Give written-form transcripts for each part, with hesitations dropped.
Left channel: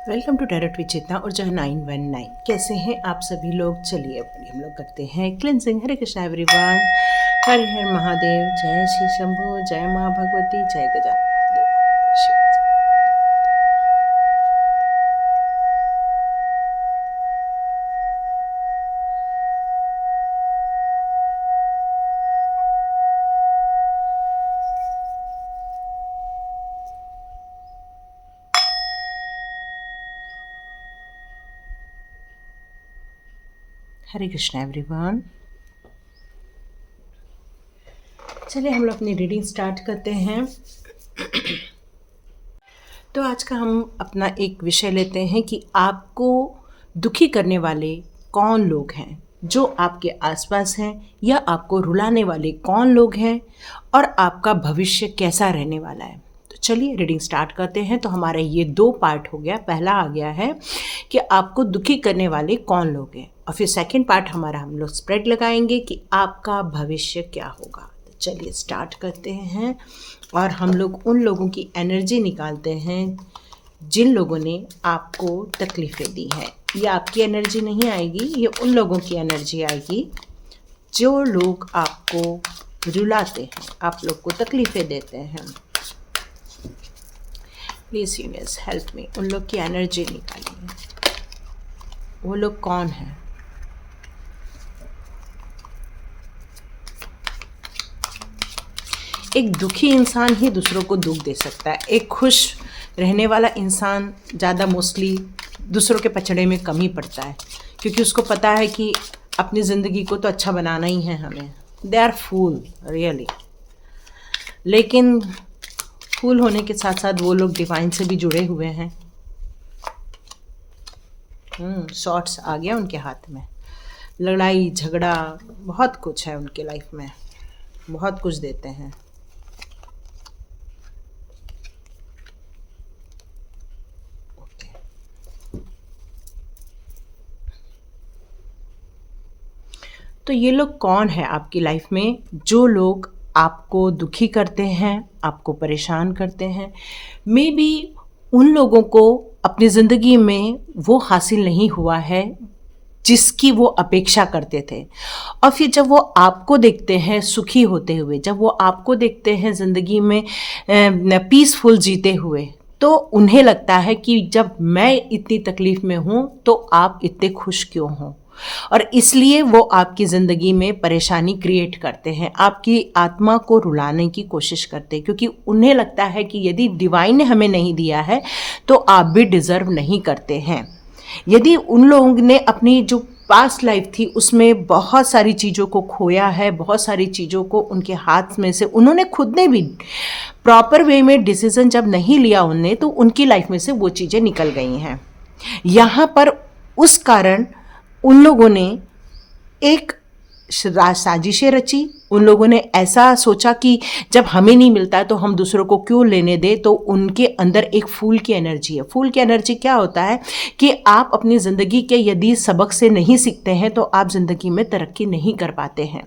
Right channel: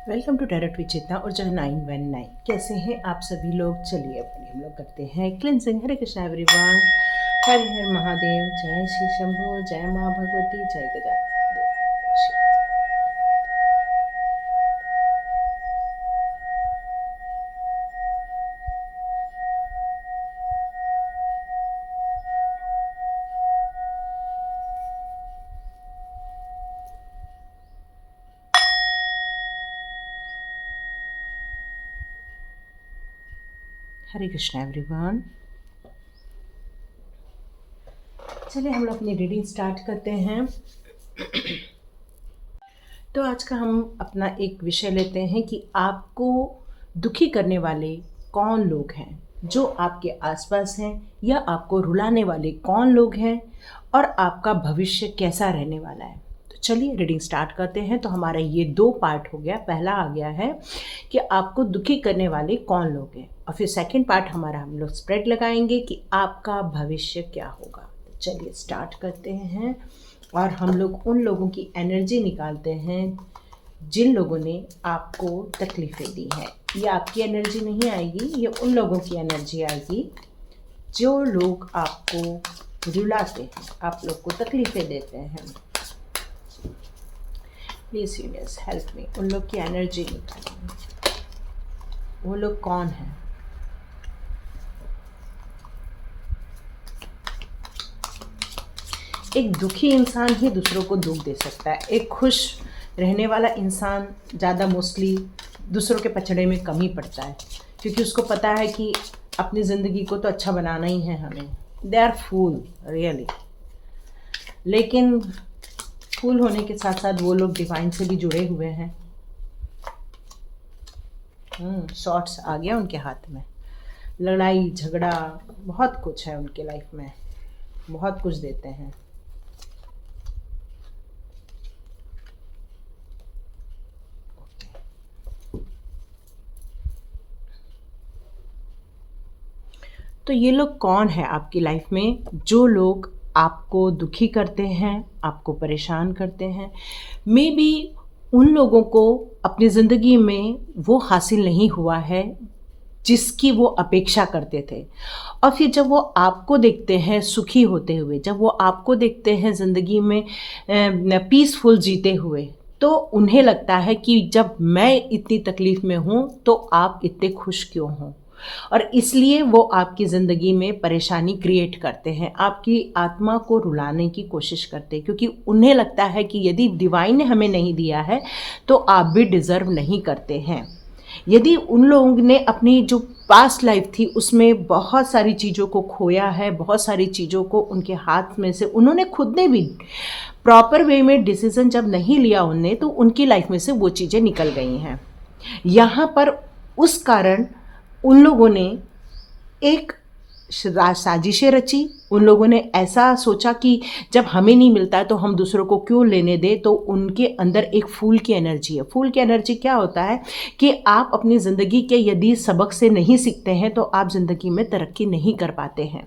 Welcome to tarot with चेतना और जहाँ 919। कैसे हैं आप सभी लोग। चलिए अपनी हम लोग करते हैं क्लिनजिंग। हरे कृष्णा एवरीवन, हर हर महादेव, जय श्री शंभो, जय माँ भगवती, जय गजानन देव, शिव। हरे कृष्णा एवरीवन, चलिए हम लोग अपनी रीडिंग स्टार्ट करते हैं। तो आज का हम अपना एक विषय लेते हैं कि आपको दुखी करने वाले कौन लोग हैं, जो आपके आसपास हैं, या आपको रुलाने वाले कौन लोग हैं, और आपका भविष्य कैसा रहने वाला है। तो चलिए रीडिंग स्टार्ट करते हैं। तो हमारा ये 2 पार्ट हो गया। पहला आ गया है कि आपको दुखी करने वाले कौन लोग हैं, और फिर सेकंड पार्ट हमारा हम लोग स्प्रेड लगाएंगे कि आपका भविष्य क्या होगा। तो चलिए स्टार्ट करते हैं और हम लोग उन लोगों की एनर्जी निकालते हैं जिन लोगों ने आपको तकलीफ़ें दी हैं। ये आपकी एनर्जी नहीं आएगी, ये उन लोगों की एनर्जी आएगी जो लोग आपको रुलाते हैं, आप लोग को तकलीफ़ें देते हैं। प्लीज़ यूनिवर्स हेल्प मी, उन लोग की एनर्जी निकालिए। वो लोग कौन हैं? एक दुखी इंसान ही दूसरों को दुख दे सकता है। एक खुश रहने वाला इंसान ज़्यादा मोस्टली दूसरों के पचड़े में कम ही पड़ता है, क्योंकि उसको पता है कि अपनी ज़िंदगी को तो अच्छा बनाना ही है हमें। They are fool really. लेकिन फूल होने के साथ साथ वो लोग डिवाइन से भी जुड़े हुए हैं। शॉर्ट्स आ गया उनके हाथ में। लड़ाई झगड़ा बहुत कुछ है उनके लाइफ में, बहुत कुछ देते हैं। तो ये लोग कौन है आपकी लाइफ में, जो लोग आपको दुखी करते हैं, आपको परेशान करते हैं। मे बी उन लोगों को अपनी ज़िंदगी में वो हासिल नहीं हुआ है जिसकी वो अपेक्षा करते थे, और फिर जब वो आपको देखते हैं सुखी होते हुए, जब वो आपको देखते हैं ज़िंदगी में पीसफुल जीते हुए, तो उन्हें लगता है कि जब मैं इतनी तकलीफ़ में हूँ तो आप इतने खुश क्यों हों, और इसलिए वो आपकी ज़िंदगी में परेशानी क्रिएट करते हैं, आपकी आत्मा को रुलाने की कोशिश करते हैं, क्योंकि उन्हें लगता है कि यदि डिवाइन ने हमें नहीं दिया है तो आप भी डिज़र्व नहीं करते हैं। यदि उन लोगों ने अपनी जो पास्ट लाइफ थी उसमें बहुत सारी चीज़ों को खोया है, बहुत सारी चीज़ों को उनके हाथ में से उन्होंने खुद ने भी प्रॉपर वे में डिसीज़न जब नहीं लिया उनने, तो उनकी लाइफ में से वो चीज़ें निकल गई हैं। यहाँ पर उस कारण उन लोगों ने एक साजिशें रची। उन लोगों ने ऐसा सोचा कि जब हमें नहीं मिलता है तो हम दूसरों को क्यों लेने दें। तो उनके अंदर एक फूल की एनर्जी है। फूल की एनर्जी क्या होता है कि आप अपनी ज़िंदगी के यदि सबक से नहीं सीखते हैं तो आप ज़िंदगी में तरक्की नहीं कर पाते हैं,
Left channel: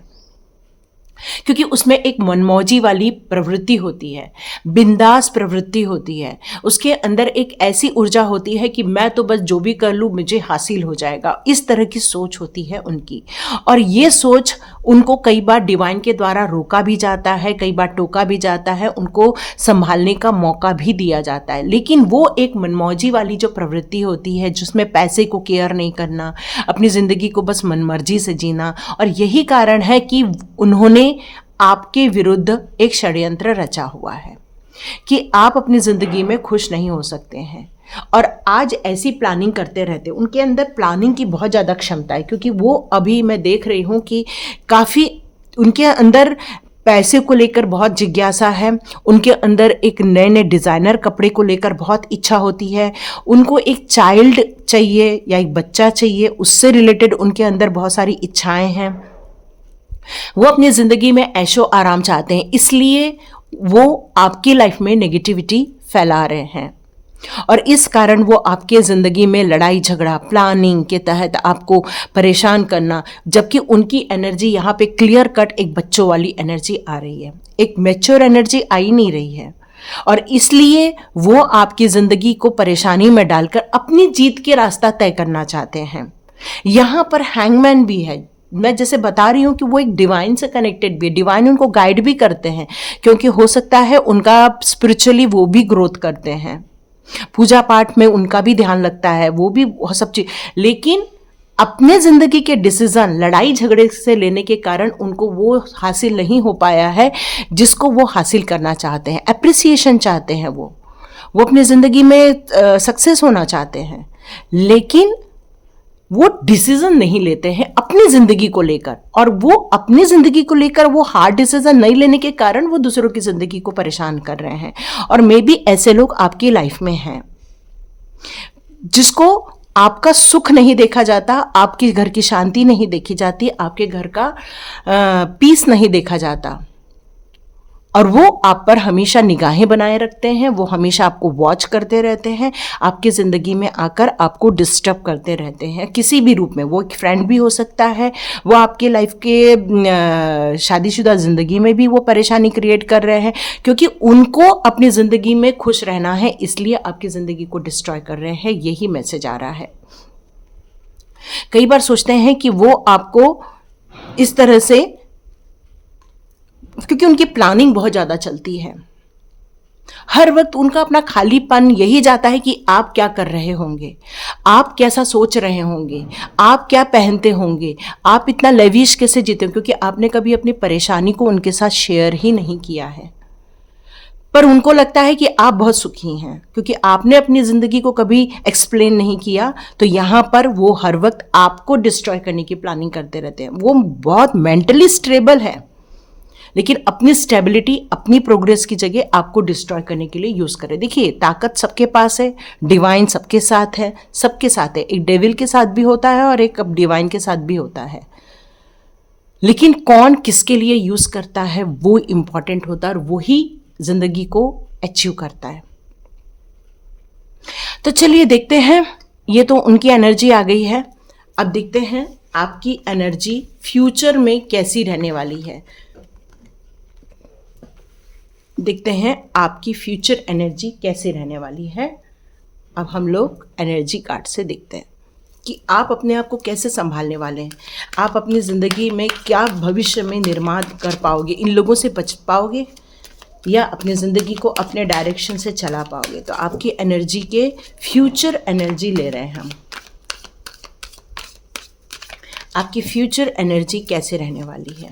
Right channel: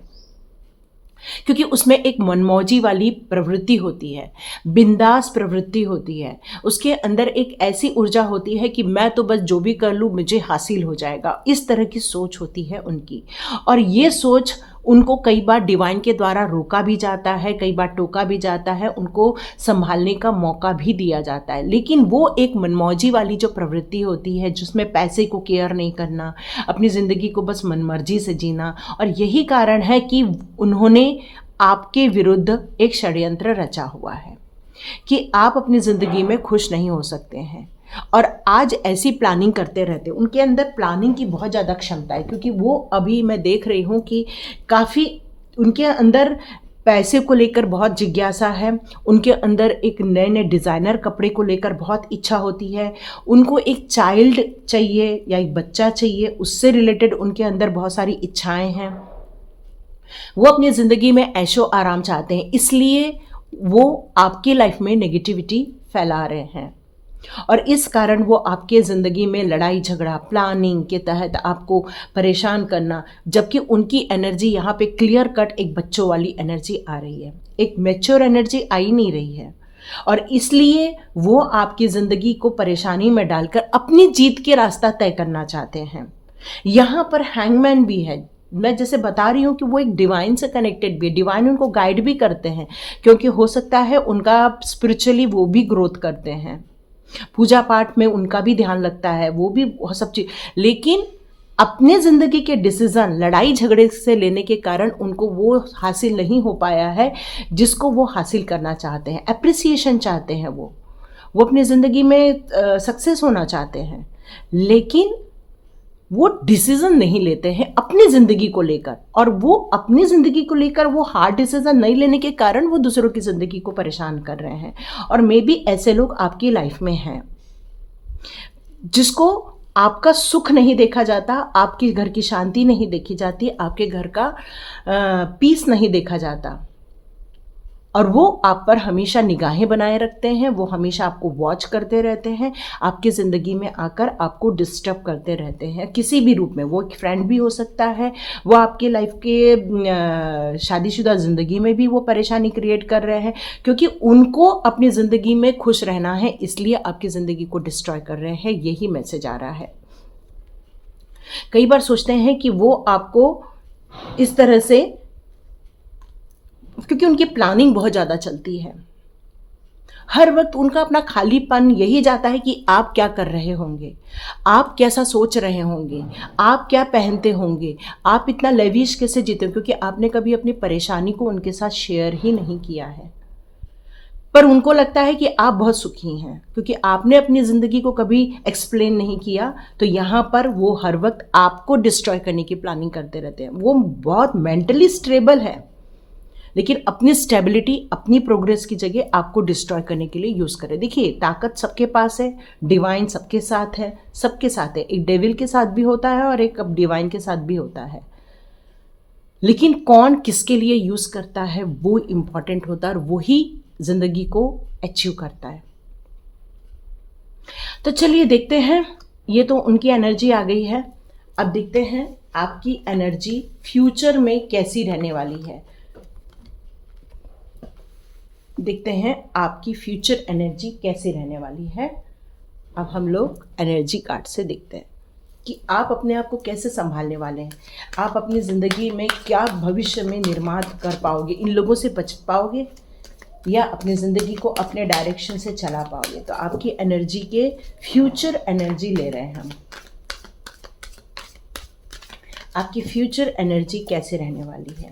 क्योंकि उसमें एक मनमौजी वाली प्रवृत्ति होती है, बिंदास प्रवृत्ति होती है। उसके अंदर एक ऐसी ऊर्जा होती है कि मैं तो बस जो भी कर लूँ मुझे हासिल हो जाएगा, इस तरह की सोच होती है उनकी। और ये सोच उनको कई बार डिवाइन के द्वारा रोका भी जाता है, कई बार टोका भी जाता है, उनको संभालने का मौका भी दिया जाता है। लेकिन वो एक मनमौजी वाली जो प्रवृत्ति होती है, जिसमें पैसे को केयर नहीं करना, अपनी ज़िंदगी को बस मनमर्जी से जीना, और यही कारण है कि उन्होंने आपके विरुद्ध एक षड्यंत्र रचा हुआ है कि आप अपनी ज़िंदगी में खुश नहीं हो सकते हैं। और आज ऐसी प्लानिंग करते रहते, उनके अंदर प्लानिंग की बहुत ज़्यादा क्षमता है, क्योंकि वो अभी मैं देख रही हूँ कि काफ़ी उनके अंदर पैसे को लेकर बहुत जिज्ञासा है। उनके अंदर एक नए नए डिज़ाइनर कपड़े को लेकर बहुत इच्छा होती है। उनको एक चाइल्ड चाहिए या एक बच्चा चाहिए, उससे रिलेटेड उनके अंदर बहुत सारी इच्छाएं हैं। वो अपनी ज़िंदगी में ऐशो आराम चाहते हैं, इसलिए वो आपकी लाइफ में नेगेटिविटी फैला रहे हैं, और इस कारण वो आपके ज़िंदगी में लड़ाई झगड़ा प्लानिंग के तहत आपको परेशान करना, जबकि उनकी एनर्जी यहाँ पे क्लियर कट एक बच्चों वाली एनर्जी आ रही है, एक मैच्योर एनर्जी आ ही नहीं रही है। और इसलिए वो आपकी ज़िंदगी को परेशानी में डालकर अपनी जीत के रास्ता तय करना चाहते हैं। यहाँ पर हैंगमैन भी है। मैं जैसे बता रही हूँ कि वो एक डिवाइन से कनेक्टेड भी है, डिवाइन उनको गाइड भी करते हैं, क्योंकि हो सकता है उनका स्पिरिचुअली वो भी ग्रोथ करते हैं, पूजा पाठ में उनका भी ध्यान लगता है, वो भी सब चीज, लेकिन अपने जिंदगी के डिसीजन लड़ाई झगड़े से लेने के कारण उनको वो हासिल नहीं हो पाया है जिसको वो हासिल करना चाहते हैं। एप्रिसिएशन चाहते हैं, वो अपनी ज़िंदगी में सक्सेस होना चाहते हैं, लेकिन वो डिसीजन नहीं लेते हैं अपनी ज़िंदगी को लेकर, और वो अपनी ज़िंदगी को लेकर वो हार्ड डिसीजन नहीं लेने के कारण वो दूसरों की ज़िंदगी को परेशान कर रहे हैं। और मे बी ऐसे लोग आपकी लाइफ में हैं जिसको आपका सुख नहीं देखा जाता, आपके घर की शांति नहीं देखी जाती, आपके घर का पीस नहीं देखा जाता, और वो आप पर हमेशा निगाहें बनाए रखते हैं, वो हमेशा आपको वॉच करते रहते हैं, आपकी ज़िंदगी में आकर आपको डिस्टर्ब करते रहते हैं किसी भी रूप में। वो एक फ्रेंड भी हो सकता है, वो आपके लाइफ के शादीशुदा ज़िंदगी में भी वो परेशानी क्रिएट कर रहे हैं, क्योंकि उनको अपनी ज़िंदगी में खुश रहना है, इसलिए आपकी ज़िंदगी को डिस्ट्रॉय कर रहे हैं। यही मैसेज आ रहा है। कई बार सोचते हैं कि वो आपको इस तरह से, क्योंकि उनकी प्लानिंग बहुत ज़्यादा चलती है, हर वक्त उनका अपना खालीपन यही जाता है कि आप क्या कर रहे होंगे, आप कैसा सोच रहे होंगे, आप क्या पहनते होंगे, आप इतना लेविश कैसे जीते हो, क्योंकि आपने कभी अपनी परेशानी को उनके साथ शेयर ही नहीं किया है। पर उनको लगता है कि आप बहुत सुखी हैं, क्योंकि आपने अपनी ज़िंदगी को कभी एक्सप्लेन नहीं किया, तो यहाँ पर वो हर वक्त आपको डिस्ट्रॉय करने की प्लानिंग करते रहते हैं। वो बहुत मेंटली स्टेबल है, लेकिन अपनी स्टेबिलिटी, अपनी प्रोग्रेस की जगह आपको डिस्ट्रॉय करने के लिए यूज़ करें। देखिए, ताकत सबके पास है, डिवाइन सबके साथ है, सबके साथ है। एक डेविल के साथ भी होता है और एक अब डिवाइन के साथ भी होता है, लेकिन कौन किसके लिए यूज़ करता है वो इम्पॉर्टेंट होता है, और वही ज़िंदगी को अचीव करता है। तो चलिए देखते हैं, ये तो उनकी एनर्जी आ गई है। अब देखते हैं आपकी एनर्जी फ्यूचर में कैसी रहने वाली है। देखते हैं आपकी फ्यूचर एनर्जी कैसे रहने वाली है। अब हम लोग एनर्जी कार्ड से देखते हैं कि आप अपने आप को कैसे संभालने वाले हैं, आप अपनी ज़िंदगी में क्या भविष्य में निर्माण कर पाओगे, इन लोगों से बच पाओगे या अपनी ज़िंदगी को अपने डायरेक्शन से चला पाओगे। तो आपकी एनर्जी के फ्यूचर एनर्जी ले रहे हैं हम। आपकी फ्यूचर एनर्जी कैसे रहने वाली है,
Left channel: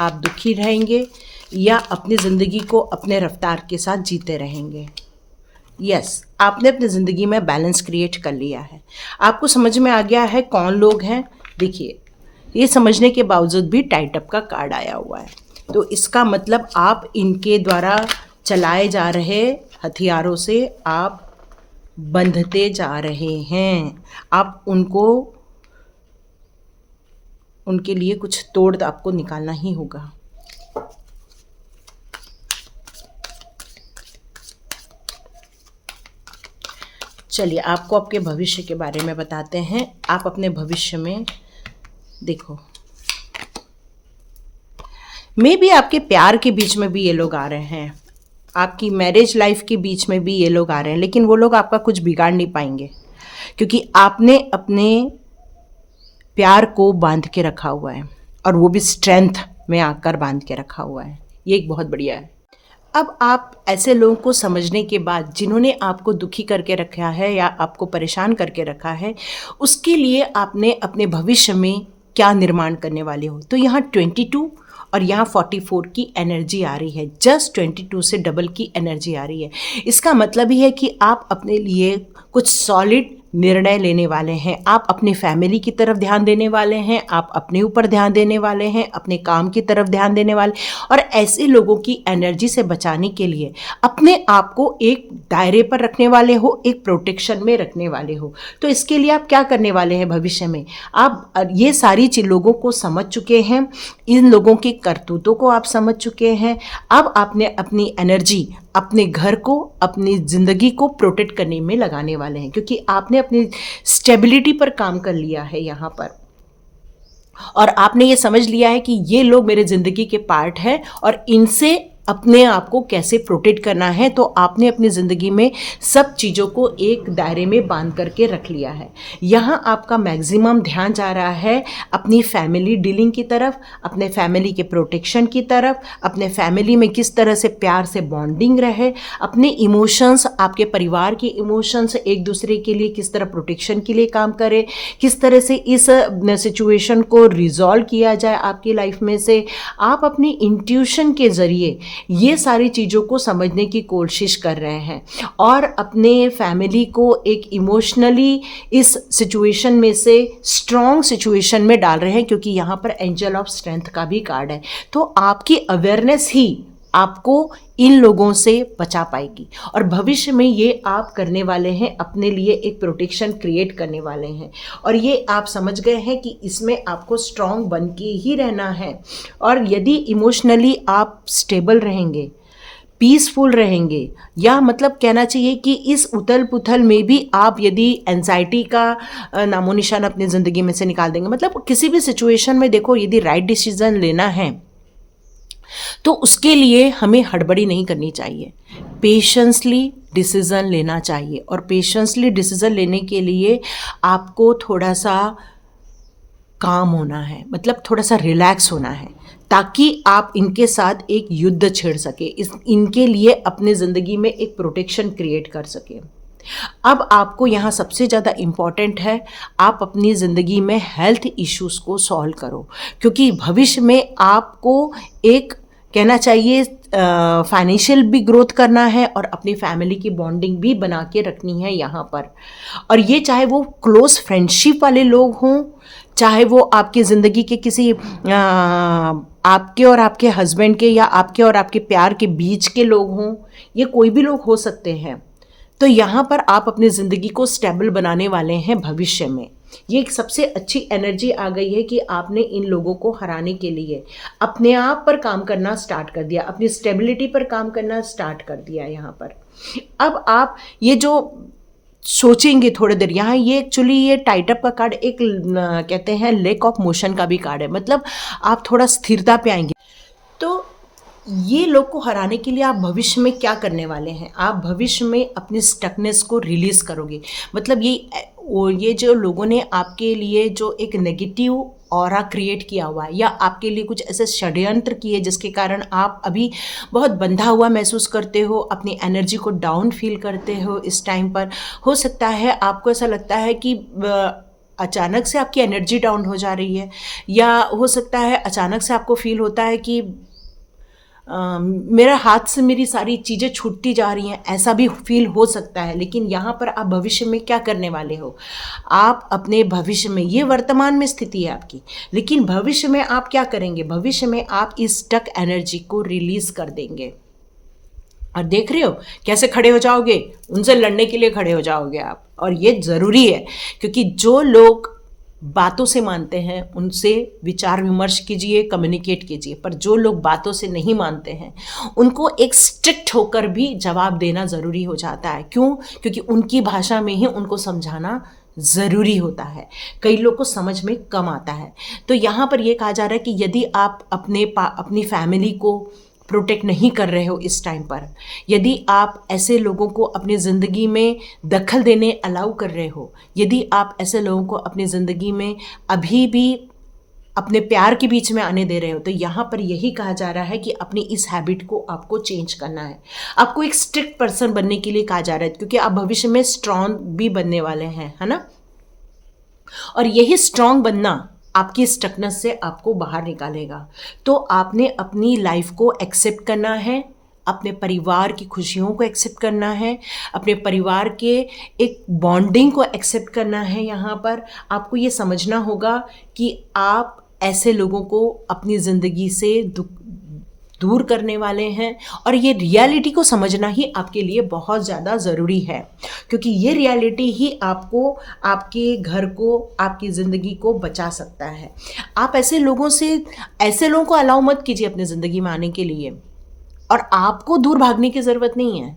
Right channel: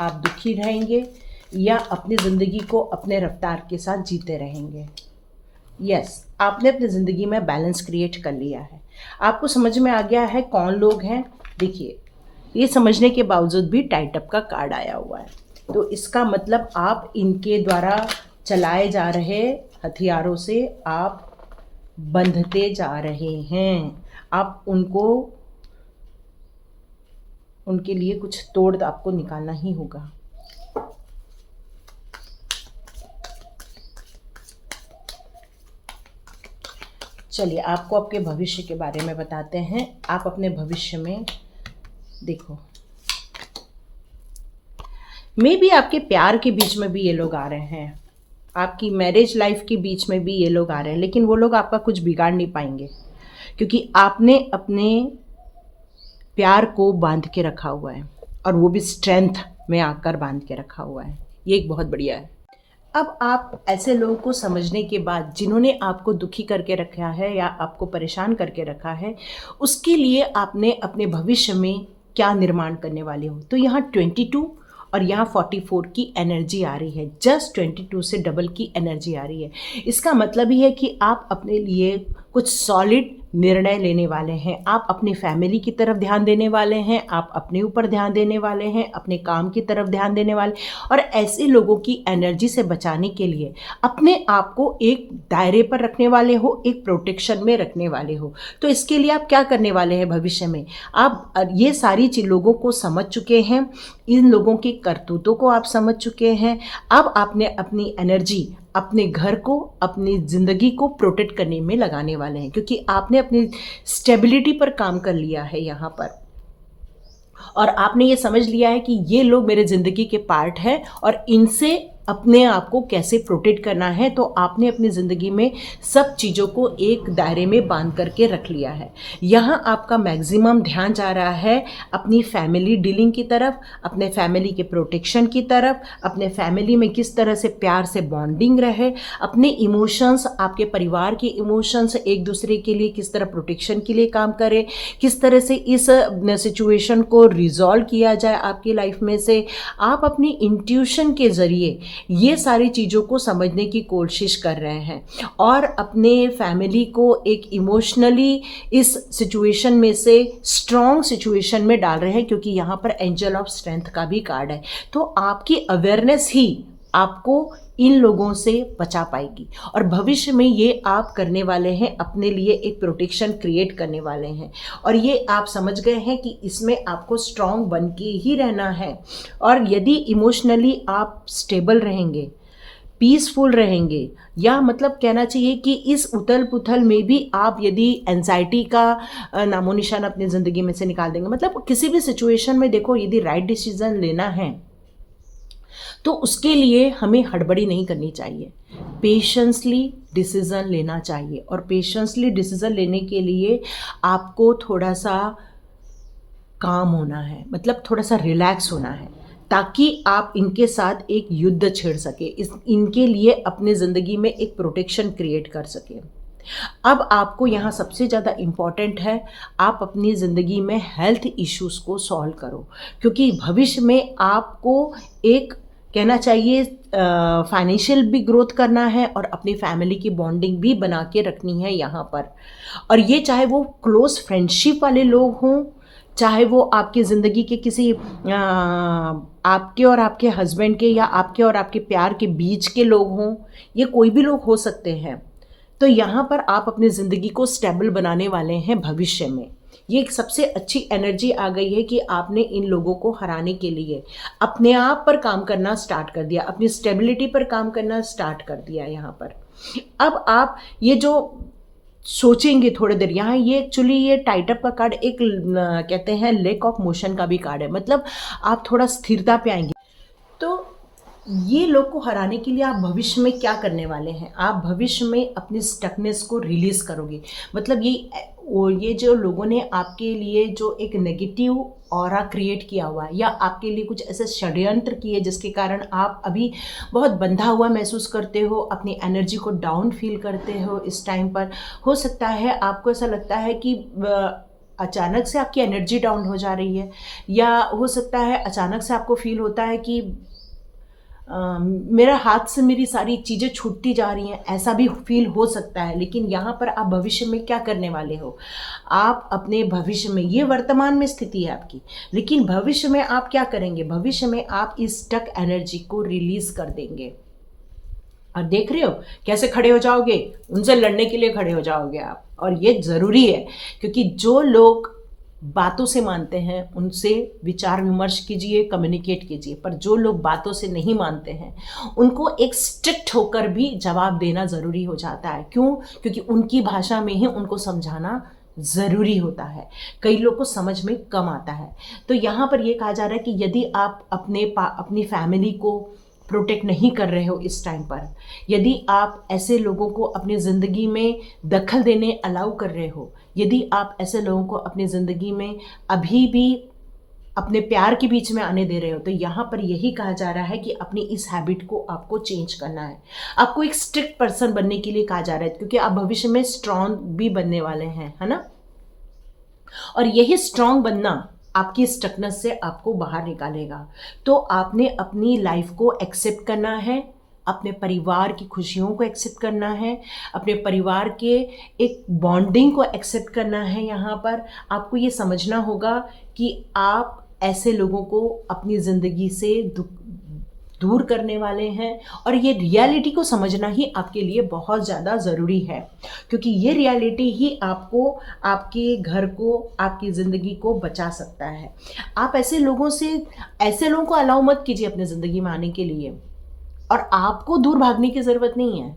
आप दुखी रहेंगे या अपनी ज़िंदगी को अपने रफ्तार के साथ जीते रहेंगे। यस, आपने अपनी ज़िंदगी में बैलेंस क्रिएट कर लिया है, आपको समझ में आ गया है कौन लोग हैं। देखिए, ये समझने के बावजूद भी टाइट अप का कार्ड आया हुआ है, तो इसका मतलब आप इनके द्वारा चलाए जा रहे हथियारों से आप बंधते जा रहे हैं। आप उनके लिए कुछ तोड़ आपको निकालना ही होगा। चलिए आपको आपके भविष्य के बारे में बताते हैं। आप अपने भविष्य में देखो, मे बी आपके प्यार के बीच में भी ये लोग आ रहे हैं, आपकी मैरिज लाइफ के बीच में भी ये लोग आ रहे हैं, लेकिन वो लोग आपका कुछ बिगाड़ नहीं पाएंगे, क्योंकि आपने अपने प्यार को बांध के रखा हुआ है, और वो भी स्ट्रेंथ में आकर बांध के रखा हुआ है। ये एक बहुत बढ़िया है। अब आप ऐसे लोगों को समझने के बाद, जिन्होंने आपको दुखी करके रखा है या आपको परेशान करके रखा है, उसके लिए आपने अपने भविष्य में क्या निर्माण करने वाले हो। तो यहाँ 22 और यहाँ 44 की एनर्जी आ रही है, जस्ट 22 से डबल की एनर्जी आ रही है। इसका मतलब ही है कि आप अपने लिए कुछ सॉलिड निर्णय लेने वाले हैं, आप अपनी फैमिली की तरफ ध्यान देने वाले हैं, आप अपने ऊपर ध्यान देने वाले हैं, अपने काम की तरफ ध्यान देने वाले, और ऐसे लोगों की एनर्जी से बचाने के लिए अपने आप को एक दायरे पर रखने वाले हो, एक प्रोटेक्शन में रखने वाले हो। तो इसके लिए आप क्या करने वाले हैं भविष्य में, आप ये सारी लोगों को समझ चुके हैं, इन लोगों के करतूतों को आप समझ चुके हैं। अब आपने अपनी एनर्जी अपने घर को, अपनी ज़िंदगी को प्रोटेक्ट करने में लगाने वाले हैं, क्योंकि आपने अपनी स्टेबिलिटी पर काम कर लिया है यहाँ पर, और आपने ये समझ लिया है कि ये लोग मेरे ज़िंदगी के पार्ट हैं और इनसे अपने आप को कैसे प्रोटेक्ट करना है। तो आपने अपनी ज़िंदगी में सब चीज़ों को एक दायरे में बांध करके रख लिया है। यहाँ आपका मैक्सिमम ध्यान जा रहा है अपनी फैमिली डीलिंग की तरफ, अपने फैमिली के प्रोटेक्शन की तरफ, अपने फैमिली में किस तरह से प्यार से बॉन्डिंग रहे, अपने इमोशंस, आपके परिवार के इमोशंस एक दूसरे के लिए किस तरह प्रोटेक्शन के लिए काम करे, किस तरह से इस सिचुएशन को रिजॉल्व किया जाए आपकी लाइफ में से। आप अपनी इंट्यूशन के ज़रिए ये सारी चीज़ों को समझने की कोशिश कर रहे हैं और अपने फैमिली को एक इमोशनली इस सिचुएशन में से स्ट्रॉन्ग सिचुएशन में डाल रहे हैं, क्योंकि यहाँ पर एंजल ऑफ स्ट्रेंथ का भी कार्ड है। तो आपकी अवेयरनेस ही आपको इन लोगों से बचा पाएगी और भविष्य में ये आप करने वाले हैं, अपने लिए एक प्रोटेक्शन क्रिएट करने वाले हैं। और ये आप समझ गए हैं कि इसमें आपको स्ट्रॉन्ग बन के ही रहना है। और यदि इमोशनली आप स्टेबल रहेंगे, पीसफुल रहेंगे, या मतलब कहना चाहिए कि इस उथल पुथल में भी आप यदि एंजाइटी का नामो निशान अपनी ज़िंदगी में से निकाल देंगे, मतलब किसी भी सिचुएशन में देखो, यदि राइट डिसीजन लेना है तो उसके लिए हमें हड़बड़ी नहीं करनी चाहिए, पेशेंसली डिसीज़न लेना चाहिए। और पेशेंसली डिसीज़न लेने के लिए आपको थोड़ा सा काम होना है, मतलब थोड़ा सा रिलैक्स होना है, ताकि आप इनके साथ एक युद्ध छेड़ सके, इनके लिए अपने ज़िंदगी में एक प्रोटेक्शन क्रिएट कर सके। अब आपको यहाँ सबसे ज़्यादा इम्पॉर्टेंट है, आप अपनी ज़िंदगी में हेल्थ इश्यूज़ को सॉल्व करो, क्योंकि भविष्य में आपको एक कहना चाहिए फाइनेंशियल भी ग्रोथ करना है और अपनी फैमिली की बॉन्डिंग भी बना के रखनी है यहाँ पर। और ये चाहे वो क्लोज फ्रेंडशिप वाले लोग हों, चाहे वो आपकी ज़िंदगी के किसी आपके और आपके हस्बैंड के या आपके और आपके प्यार के बीच के लोग हों, ये कोई भी लोग हो सकते हैं। तो यहाँ पर आप अपनी ज़िंदगी को स्टेबल बनाने वाले हैं भविष्य में। ये एक सबसे अच्छी एनर्जी आ गई है कि आपने इन लोगों को हराने के लिए अपने आप पर काम करना स्टार्ट कर दिया, अपनी स्टेबिलिटी पर काम करना स्टार्ट कर दिया यहाँ पर। अब आप ये जो सोचेंगे थोड़ी देर, यहाँ ये एक्चुअली ये टाइटअप का कार्ड एक कहते हैं लैक ऑफ मोशन का भी कार्ड है, मतलब आप थोड़ा स्थिरता पे आएंगे। तो ये लोग को हराने के लिए आप भविष्य में क्या करने वाले हैं, आप भविष्य में अपनी स्टकनेस को रिलीज करोगे। मतलब ये जो लोगों ने आपके लिए जो एक नेगेटिव ऑरा क्रिएट किया हुआ है या आपके लिए कुछ ऐसे षड्यंत्र किए जिसके कारण आप अभी बहुत बंधा हुआ महसूस करते हो, अपनी एनर्जी को डाउन फील करते हो इस टाइम पर। हो सकता है आपको ऐसा लगता है कि अचानक से आपकी एनर्जी डाउन हो जा रही है, या हो सकता है अचानक से आपको फील होता है कि मेरा हाथ से मेरी सारी चीज़ें छूटती जा रही हैं, ऐसा भी फील हो सकता है। लेकिन यहाँ पर आप भविष्य में क्या करने वाले हो, आप अपने भविष्य में, ये वर्तमान में स्थिति है आपकी, लेकिन भविष्य में आप क्या करेंगे, भविष्य में आप इस स्टक एनर्जी को रिलीज कर देंगे। और देख रहे हो कैसे खड़े हो जाओगे, उनसे लड़ने के लिए खड़े हो जाओगे आप। और ये ज़रूरी है, क्योंकि जो लोग बातों से मानते हैं उनसे विचार विमर्श कीजिए, कम्युनिकेट कीजिए, पर जो लोग बातों से नहीं मानते हैं उनको एक स्ट्रिक्ट होकर भी जवाब देना ज़रूरी हो जाता है। क्यों? क्योंकि उनकी भाषा में ही उनको समझाना ज़रूरी होता है, कई लोग को समझ में कम आता है। तो यहाँ पर ये कहा जा रहा है कि यदि आप अपनी फैमिली को प्रोटेक्ट नहीं कर रहे हो इस टाइम पर, यदि आप ऐसे लोगों को अपनी ज़िंदगी में दखल देने अलाउ कर रहे हो, यदि आप ऐसे लोगों को अपनी ज़िंदगी में अभी भी अपने प्यार के बीच में आने दे रहे हो, तो यहाँ पर यही कहा जा रहा है कि अपनी इस हैबिट को आपको चेंज करना है। आपको एक स्ट्रिक्ट पर्सन बनने के लिए कहा जा रहा है, क्योंकि आप भविष्य में स्ट्रॉन्ग भी बनने वाले हैं, है ना। और यही स्ट्रॉन्ग बनना आपकी स्टकनेस से आपको बाहर निकालेगा। तो आपने अपनी लाइफ को एक्सेप्ट करना है, अपने परिवार की खुशियों को एक्सेप्ट करना है, अपने परिवार के एक बॉन्डिंग को एक्सेप्ट करना है। यहाँ पर आपको ये समझना होगा कि आप ऐसे लोगों को अपनी ज़िंदगी से दूर करने वाले हैं, और ये रियलिटी को समझना ही आपके लिए बहुत ज़्यादा ज़रूरी है, क्योंकि ये रियलिटी ही आपको, आपके घर को, आपकी ज़िंदगी को बचा सकता है। आप ऐसे लोगों को अलाउ मत कीजिए अपनी ज़िंदगी में आने के लिए, और आपको दूर भागने की ज़रूरत नहीं है।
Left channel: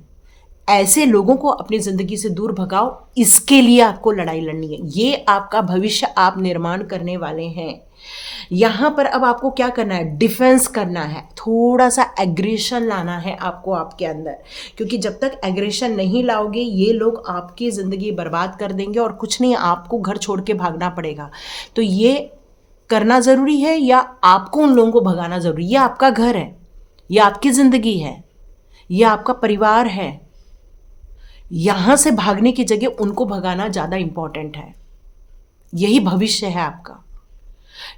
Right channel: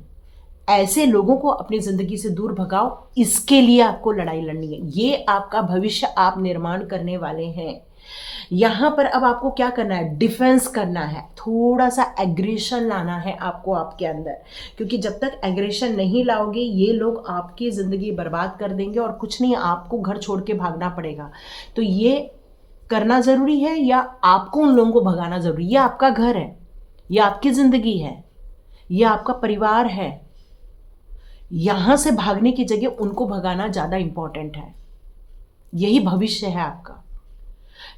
ऐसे लोगों को अपनी ज़िंदगी से दूर भगाओ, इसके लिए आपको लड़ाई लड़नी है। ये आपका भविष्य आप निर्माण करने वाले हैं। यहाँ पर अब आपको क्या करना है, डिफेंस करना है, थोड़ा सा एग्रेशन लाना है आपको आपके अंदर, क्योंकि जब तक एग्रेशन नहीं लाओगे ये लोग आपकी ज़िंदगी बर्बाद कर देंगे और कुछ नहीं, आपको घर छोड़ के भागना पड़ेगा। तो ये करना ज़रूरी है या आपको उन लोगों को भगाना ज़रूरी? ये आपका घर है, ये आपकी ज़िंदगी है, ये आपका परिवार है। यहाँ से भागने की जगह उनको भगाना ज़्यादा इम्पॉर्टेंट है। यही भविष्य है आपका।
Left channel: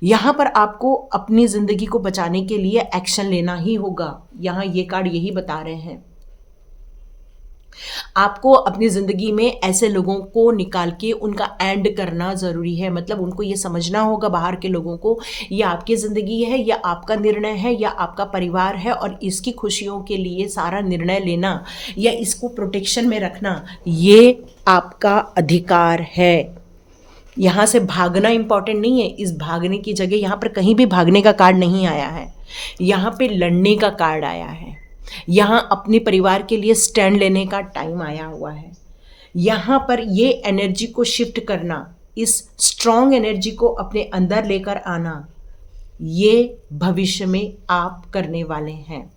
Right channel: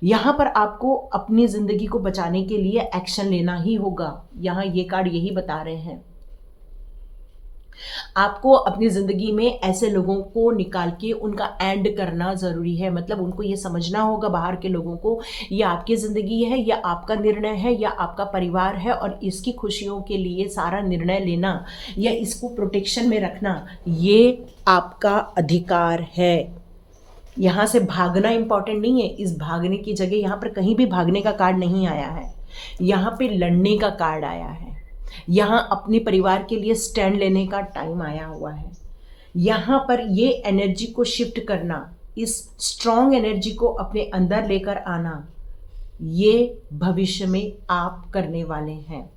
यहाँ पर आपको अपनी ज़िंदगी को बचाने के लिए एक्शन लेना ही होगा। यहाँ ये कार्ड यही बता रहे हैं, आपको अपनी ज़िंदगी में ऐसे लोगों को निकाल के उनका एंड करना ज़रूरी है। मतलब उनको ये समझना होगा, बाहर के लोगों को, ये आपकी ज़िंदगी है या आपका निर्णय है या आपका परिवार है, और इसकी खुशियों के लिए सारा निर्णय लेना या इसको प्रोटेक्शन में रखना ये आपका अधिकार है। यहाँ से भागना इम्पॉर्टेंट नहीं है। इस भागने की जगह यहाँ पर कहीं भी भागने का कार्ड नहीं आया है, यहाँ पे लड़ने का कार्ड आया है। यहाँ अपने परिवार के लिए स्टैंड लेने का टाइम आया हुआ है। यहाँ पर ये एनर्जी को शिफ्ट करना, इस स्ट्रॉन्ग एनर्जी को अपने अंदर लेकर आना, ये भविष्य में आप करने वाले हैं।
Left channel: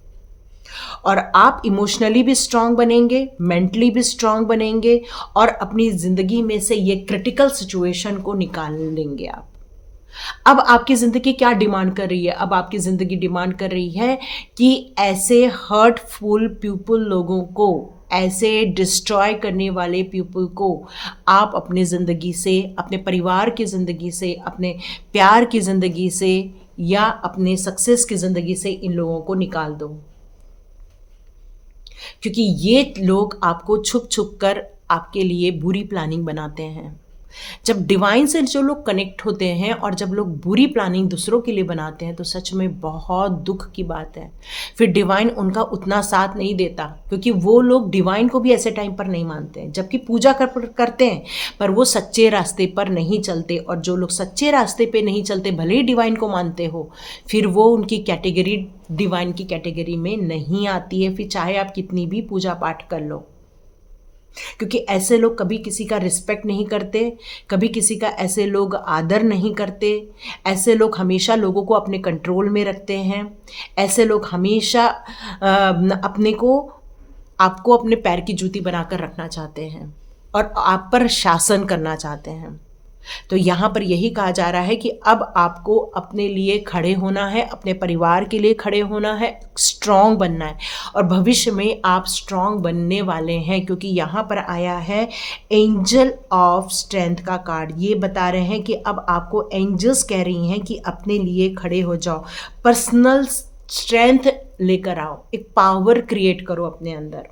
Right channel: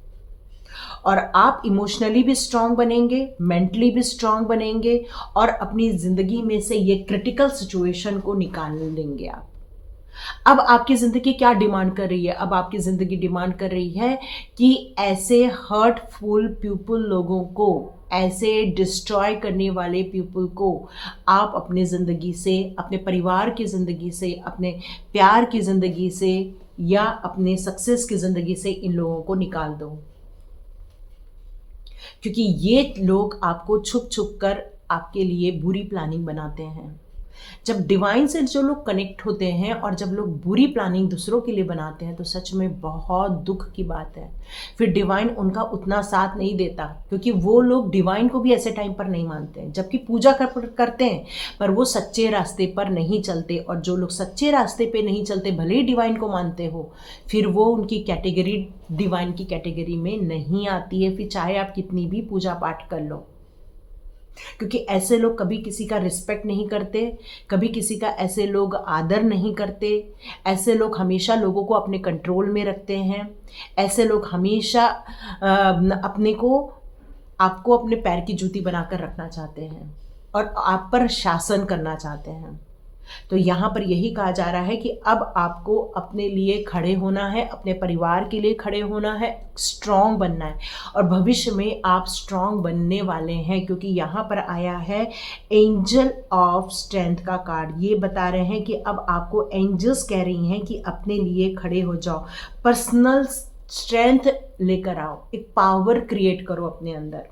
और आप इमोशनली भी स्ट्रांग बनेंगे, मेंटली भी स्ट्रांग बनेंगे और अपनी ज़िंदगी में से ये क्रिटिकल सिचुएशन को निकाल लेंगे आप। अब आपकी ज़िंदगी क्या डिमांड कर रही है? अब आपकी ज़िंदगी डिमांड कर रही है कि ऐसे हर्टफुल पीपल लोगों को, ऐसे डिस्ट्रॉय करने वाले पीपल को आप अपनी ज़िंदगी से, अपने परिवार की ज़िंदगी से, अपने प्यार की ज़िंदगी से या अपने सक्सेस की ज़िंदगी से इन लोगों को निकाल दो। क्योंकि ये लोग आपको छुप छुप कर आपके लिए बुरी प्लानिंग बनाते हैं। जब डिवाइन से जो लोग कनेक्ट होते हैं और जब लोग बुरी प्लानिंग दूसरों के लिए बनाते हैं तो सच में बहुत दुख की बात है। फिर डिवाइन उनका उतना साथ नहीं देता, क्योंकि वो लोग डिवाइन को भी ऐसे टाइम पर नहीं मानते हैं, जबकि पूजा करते हैं पर वो सच्चे रास्ते पर नहीं चलते। और जो लोग सच्चे रास्ते पे नहीं चलते, भले ही डिवाइन को मानते हो, फिर वो उनकी कैटेगरी डिवाइन की कैटेगरी में नहीं आती है, फिर चाहे आप कितनी भी पूजा पाठ कर लो। क्योंकि ऐसे लोग कभी किसी का रिस्पेक्ट नहीं करते, कभी किसी का ऐसे लोग आदर नहीं करते। ऐसे लोग हमेशा लोगों को अपने कंट्रोल में रखते हैं। ऐसे लोग हमेशा अपने को, आपको अपने पैर की जूती बनाकर रखना चाहते हैं और आप पर शासन करना चाहते हैं। तो यहाँ पर यही कहा जा रहा है कि अब आपको अपने लिए खड़े होना है, अपने परिवार के लिए खड़े होना है, स्ट्रॉन्ग बनना है। और भविष्य में आप स्ट्रॉन्ग बनने वाले हैं, क्योंकि यहाँ पर आया है एंजल ऑफ स्ट्रेंथ का कार्ड। ये बता रहे हैं कि अब आपको एंजल्स कह रही हैं कि अपने लिए खड़े हो जाओ, पर्सनल स्ट्रेंथ लेकर आओ, एक पावर क्रिएट करो अपने अंदर।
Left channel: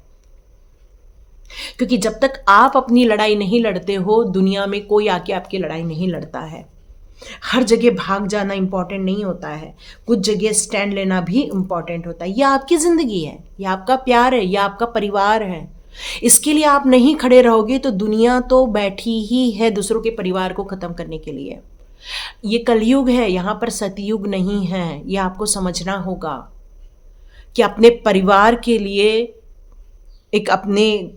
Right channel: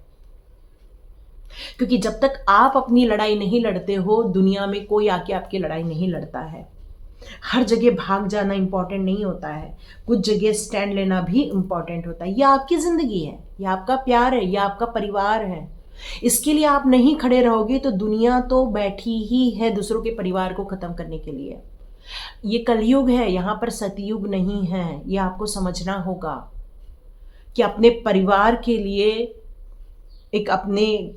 क्योंकि जब तक आप अपनी लड़ाई नहीं लड़ते हो, दुनिया में कोई आके आपकी लड़ाई नहीं लड़ता है। हर जगह भाग जाना इम्पॉर्टेंट नहीं होता है, कुछ जगह स्टैंड लेना भी इम्पॉर्टेंट होता है। यह आपकी ज़िंदगी है, यह आपका प्यार है, यह आपका परिवार है। इसके लिए आप नहीं खड़े रहोगे तो दुनिया तो बैठी ही है दूसरों के परिवार को ख़त्म करने के लिए। ये कलयुग है, यहाँ पर सतयुग नहीं है। ये आपको समझना होगा कि अपने परिवार के लिए, एक अपने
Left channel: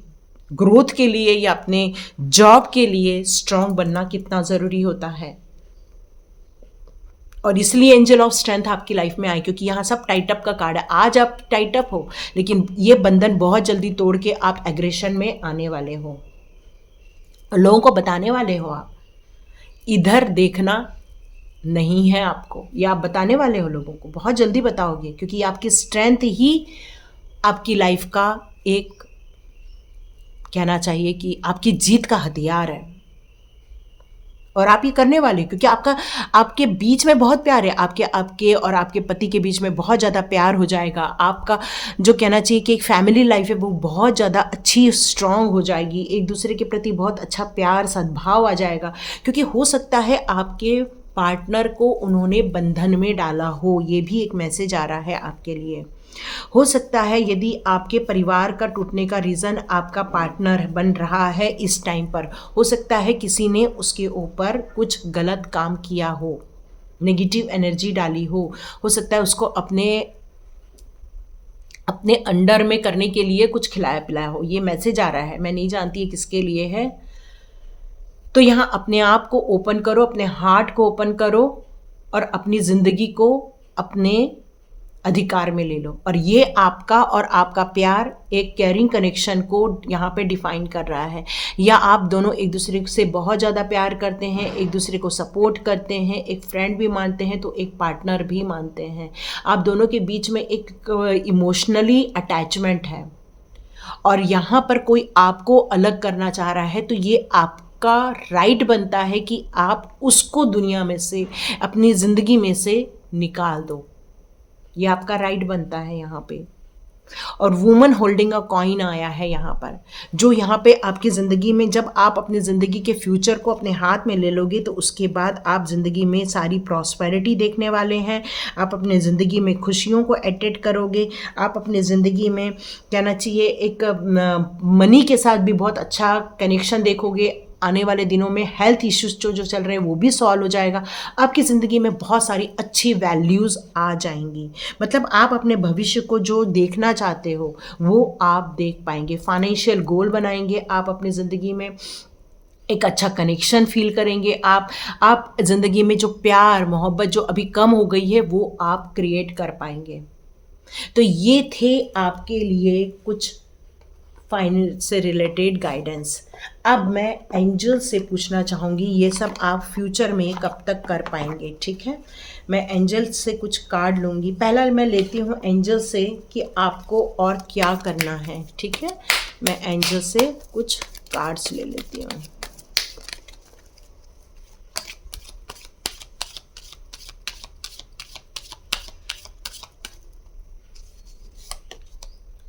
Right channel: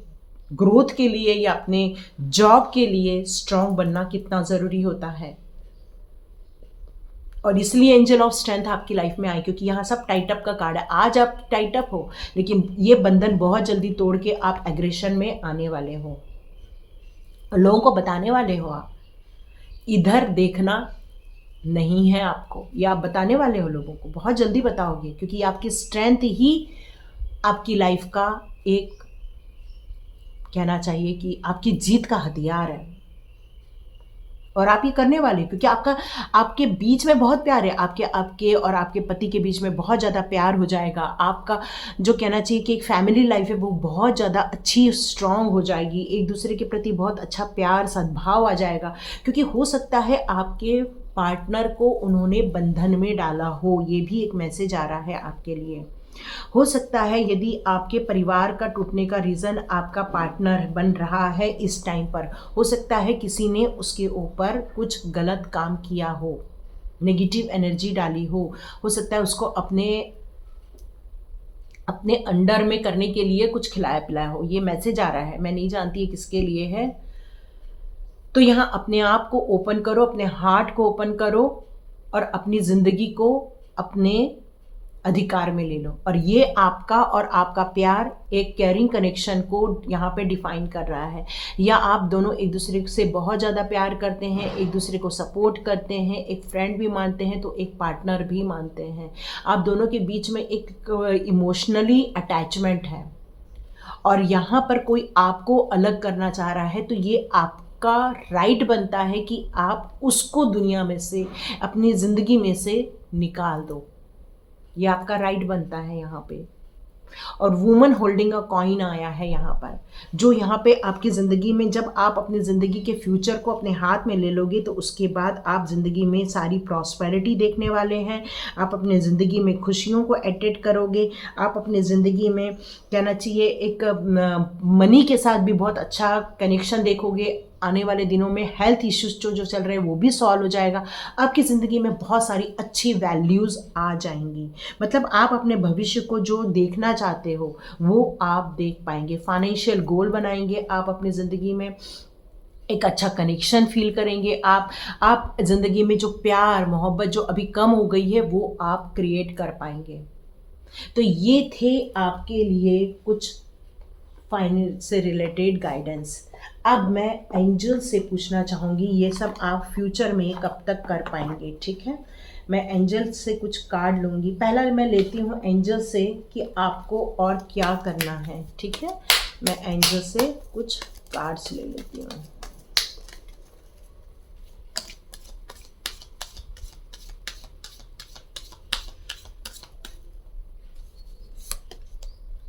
ग्रोथ के लिए या अपने जॉब के लिए स्ट्रांग बनना कितना ज़रूरी होता है। और इसलिए एंजल ऑफ स्ट्रेंथ आपकी लाइफ में आए, क्योंकि यहाँ सब टाइट अप का कार्ड है। आज आप टाइट अप हो, लेकिन ये बंधन बहुत जल्दी तोड़ के आप एग्रेशन में आने वाले हो, लोगों को बताने वाले हो। आप इधर देखना नहीं है आपको, या आप बताने वाले हो लोगों को, बहुत जल्दी बताओगे, क्योंकि आपकी स्ट्रेंथ ही आपकी लाइफ का एक, कहना चाहिए कि आपकी जीत का हथियार है। और आप ये करने वाले, क्योंकि आपके बीच में बहुत प्यार है, आपके और आपके पति के बीच में बहुत ज़्यादा प्यार हो जाएगा। आपका जो कहना चाहिए कि एक फैमिली लाइफ है वो बहुत ज़्यादा अच्छी, स्ट्रांग हो जाएगी। एक दूसरे के प्रति बहुत अच्छा प्यार, सद्भाव आ जाएगा। क्योंकि हो सकता है आपके पार्टनर को उन्होंने बंधन में डाला हो, ये भी एक मैसेज आ रहा है आपके लिए। हो सकता है यदि आपके परिवार का टूटने का रीज़न आपका पार्टनर बन रहा है इस टाइम पर, हो सकता है किसी ने उसके ऊपर कुछ गलत काम किया हो, नेगेटिव एनर्जी डाली हो सकता है उसको अपने अंडर में करने के लिए कुछ खिलाया पिलाया हो। ये मैसेज आ रहा है, मैं नहीं जानती है किसके लिए है। तो यहाँ अपने आप को ओपन करो, अपने हार्ट को ओपन करो और अपनी ज़िंदगी को अपने अधिकार में ले लो। और ये आपका और आपका प्यार एक केयरिंग कनेक्शन को यहाँ पे डिफाइन कर रहा है। या आप दोनों एक दूसरे से बहुत ज़्यादा प्यार करते हैं, एक दूसरे को सपोर्ट करते हैं, एक फ्रेंड भी मानते हैं तो एक पार्टनर भी मानते हैं। आप दोनों के बीच में एक इमोशनली अटैचमेंट है और यहाँ पर कोई आपको अलग करना चाह रहा है तो ये आपका राइट बनता है कि आप उसको दुनिया में से, अपनी ज़िंदगी में से निकाल दो। ये आपका राइट बनता है यहाँ पे। और वुमन होल्डिंग अ कॉइन आया है यहाँ पर, जो यहाँ पे आपकी ज़िंदगी में, जब आप अपनी ज़िंदगी के फ्यूचर को अपने हाथ में ले लोगे तो उसके बाद आप ज़िंदगी में सारी प्रॉस्पेरिटी देखने वाले हैं। आप अपने ज़िंदगी में खुशियों को अटेट करोगे। आप अपने ज़िंदगी में, कहना चाहिए, एक मनी के साथ भी बहुत अच्छा कनेक्शन देखोगे। आने वाले दिनों में हेल्थ इश्यूज जो चल रहे हैं वो भी सॉल्व हो जाएगा। आपकी ज़िंदगी में बहुत सारी अच्छी वैल्यूज़ आ जाएंगी। मतलब आप अपने भविष्य को जो देखना चाहते हो वो आप देख पाएंगे। फाइनेंशियल गोल बनाएंगे आप अपनी ज़िंदगी में, एक अच्छा कनेक्शन फील करेंगे। आप ज़िंदगी में जो प्यार मोहब्बत जो अभी कम हो गई है वो आप क्रिएट कर पाएंगे। तो ये थे आपके लिए कुछ फाइनेंस से रिलेटेड गाइडेंस। अब मैं एंजल से पूछना चाहूँगी ये सब आप फ्यूचर में कब तक कर पाएंगे। ठीक है, मैं एंजल से कुछ कार्ड लूँगी। पहला मैं लेती हूँ एंजल से कि आपको और क्या करना है। ठीक है, मैं एंजल से कुछ कार्ड्स ले लेती हूँ।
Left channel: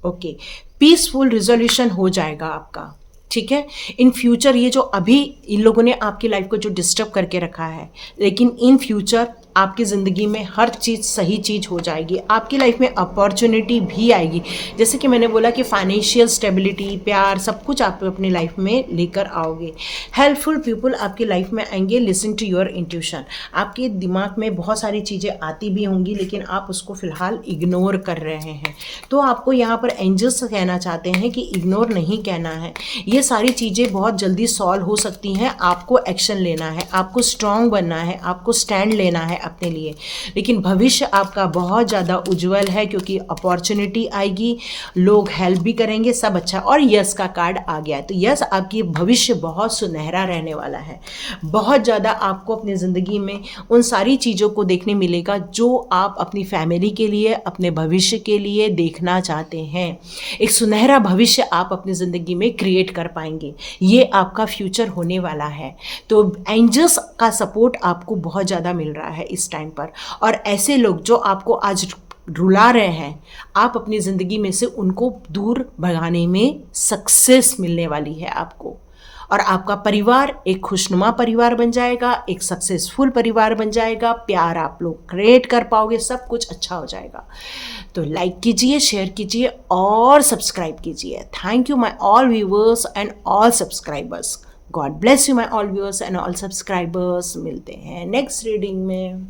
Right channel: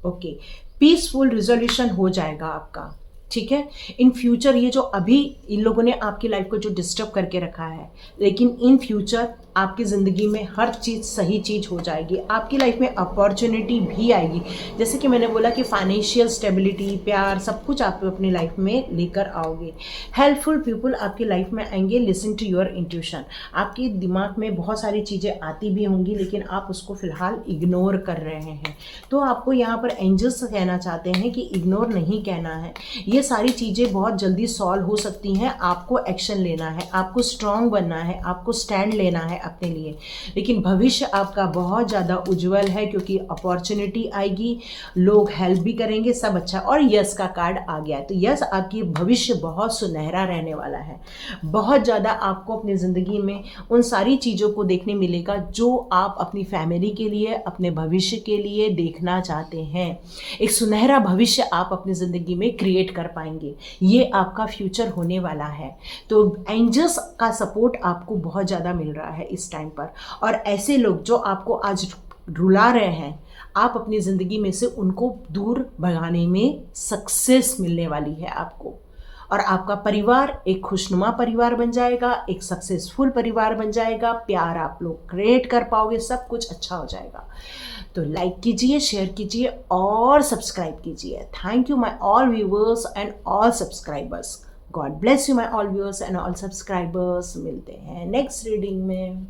ओके, पीसफुल रिजोल्यूशन हो जाएगा आपका। ठीक है, इन फ्यूचर ये जो अभी इन लोगों ने आपकी लाइफ को जो डिस्टर्ब करके रखा है, लेकिन इन फ्यूचर आपकी ज़िंदगी में हर चीज़ सही चीज़ हो जाएगी। आपकी लाइफ में अपॉर्चुनिटी भी आएगी। जैसे कि मैंने बोला कि फाइनेंशियल स्टेबिलिटी, प्यार, सब कुछ आप अपनी लाइफ में लेकर आओगे। हेल्पफुल पीपल आपकी लाइफ में आएंगे। Listen to your intuition. आपके दिमाग में बहुत सारी चीज़ें आती भी होंगी लेकिन आप उसको फ़िलहाल इग्नोर कर रहे हैं। तो आपको यहाँ पर एंजल्स कहना चाहते हैं कि इग्नोर नहीं कहना है। ये सारी चीज़ें बहुत जल्दी सॉल्व हो सकती हैं। आपको एक्शन लेना है, आपको स्ट्रांग बनना है, आपको स्टैंड लेना है अपने लिए। लेकिन भविष्य आपका बहुत ज़्यादा उज्जवल है क्योंकि अपॉर्चुनिटी आएगी, लोग हेल्प भी करेंगे, सब अच्छा। और यस का कार्ड आ गया है तो यस, आपकी भविष्य बहुत सुनहरा रहने वाला है। बहुत ज़्यादा आपको अपनी ज़िंदगी में उन सारी चीज़ों को देखने मिलेगा जो आप अपनी फैमिली के लिए, अपने भविष्य के लिए देखना चाहते हैं। एक सुनहरा भविष्य आप अपनी ज़िंदगी में क्रिएट कर पाएंगे। ये आपका फ्यूचर होने वाला है। तो एंजल्स का सपोर्ट आपको बहुत ज़्यादा मिल रहा है इस टाइम पर। और ऐसे लोग जो आपको आज रुला रहे हैं, आप अपनी ज़िंदगी में से उनको दूर भगाने में सक्सेस मिलने वाली है आपको। और आपका परिवार एक खुशनुमा परिवार बन जाएगा, एक सक्सेसफुल परिवार बन जाएगा। प्यार आप लोग क्रिएट कर पाओगे, सब कुछ अच्छा हो जाएगा। तो लाइक कीजिए, शेयर कीजिए और सब्सक्राइब कीजिए। Thank you my all viewers and all subscribers. God bless you my all viewers and all subscribers. मिलते हैं नेक्स्ट रीडिंग में।